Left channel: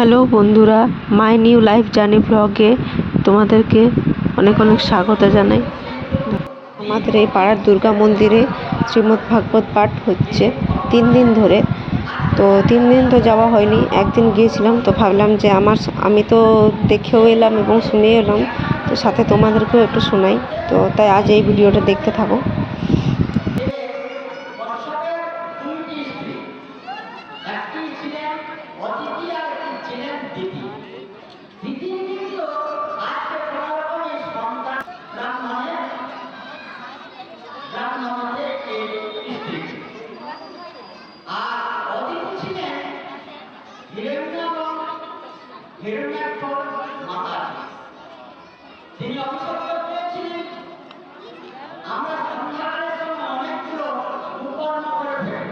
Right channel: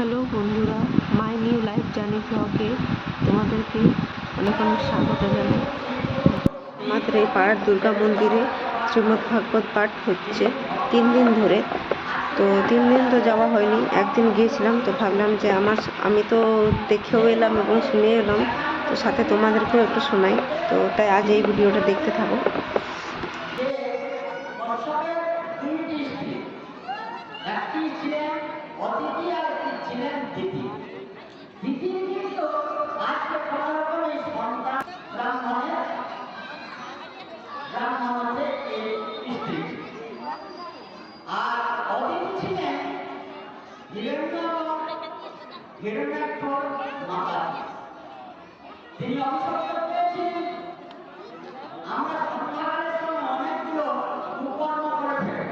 হ্যালো বন্ধুরা, my new life journey ব্লগে তোমাদেরকে অনেক অনেক স্বাগত জানাই। আমাদের এই পাড়ার দুর্গা মন্দিরে শ্রীমদ্ ভাগবত পাঠ হচ্ছে 3 দিন ধরে। তো 3 দিন তো যাওয়া হয়নি, একদিন গিয়েছিলাম। তো ভাবলাম যে আমি তো দেখেও এলাম এবং শুনেও এলাম, তো সাথে তোমাদেরকেও একটু শোনাই। তো তাই আজ এই ভিডিওটা দেখতে থাকো। তিনি অভিষিক্ত করেছিলেন। আমরা সংসারের সঙ্গে অনেকগুলো উপকরণ করে ফেলি।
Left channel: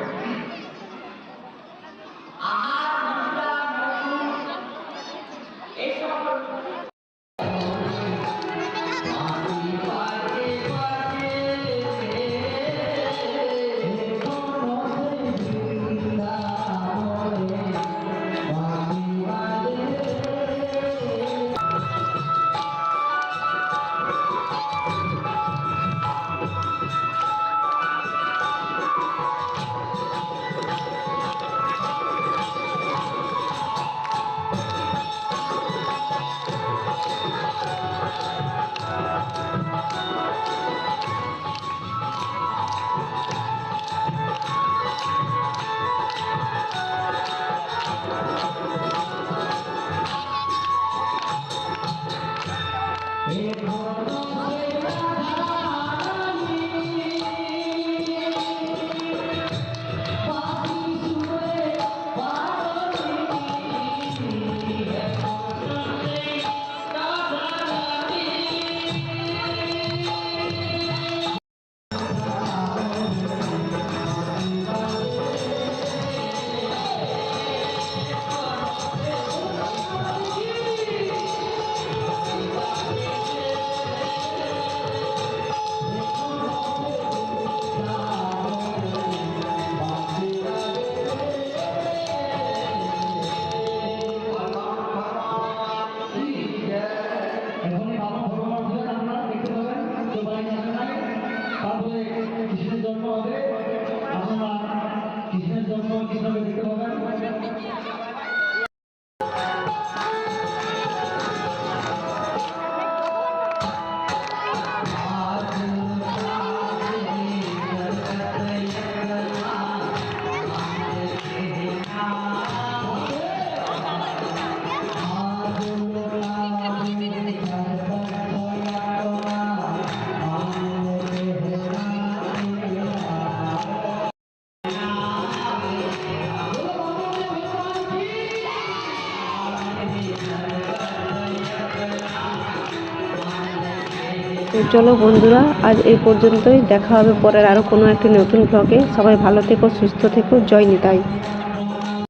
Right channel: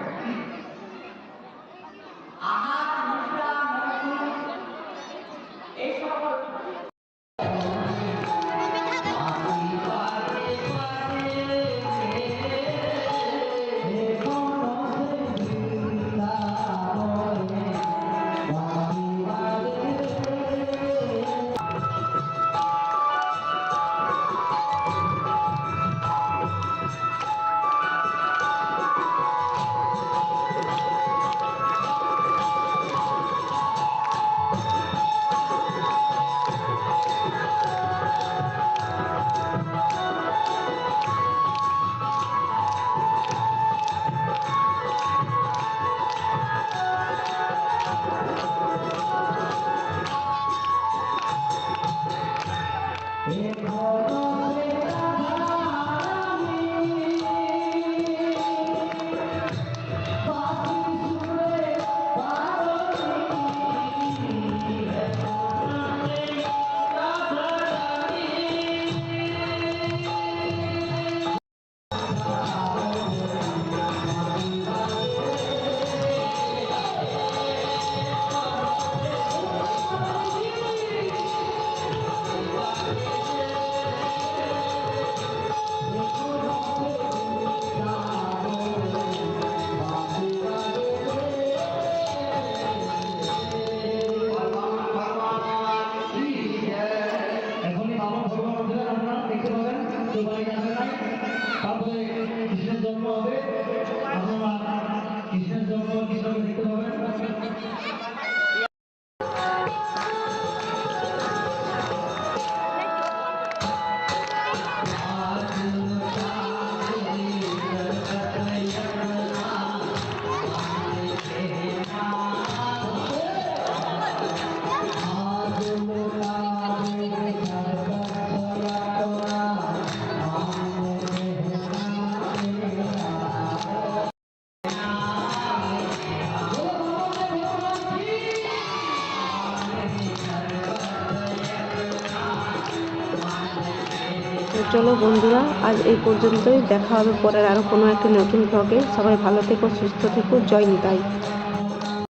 আহার, নিদ্রা, মৈথুন, এই সকল তো চলো বন্ধুরা, আজ এই পর্যন্তই। দেখা হবে পরের আরও কোনো একটি নতুন ব্লগে। সবাই ভালো থেকো, সুস্থ থেকো। জয় নিতাই।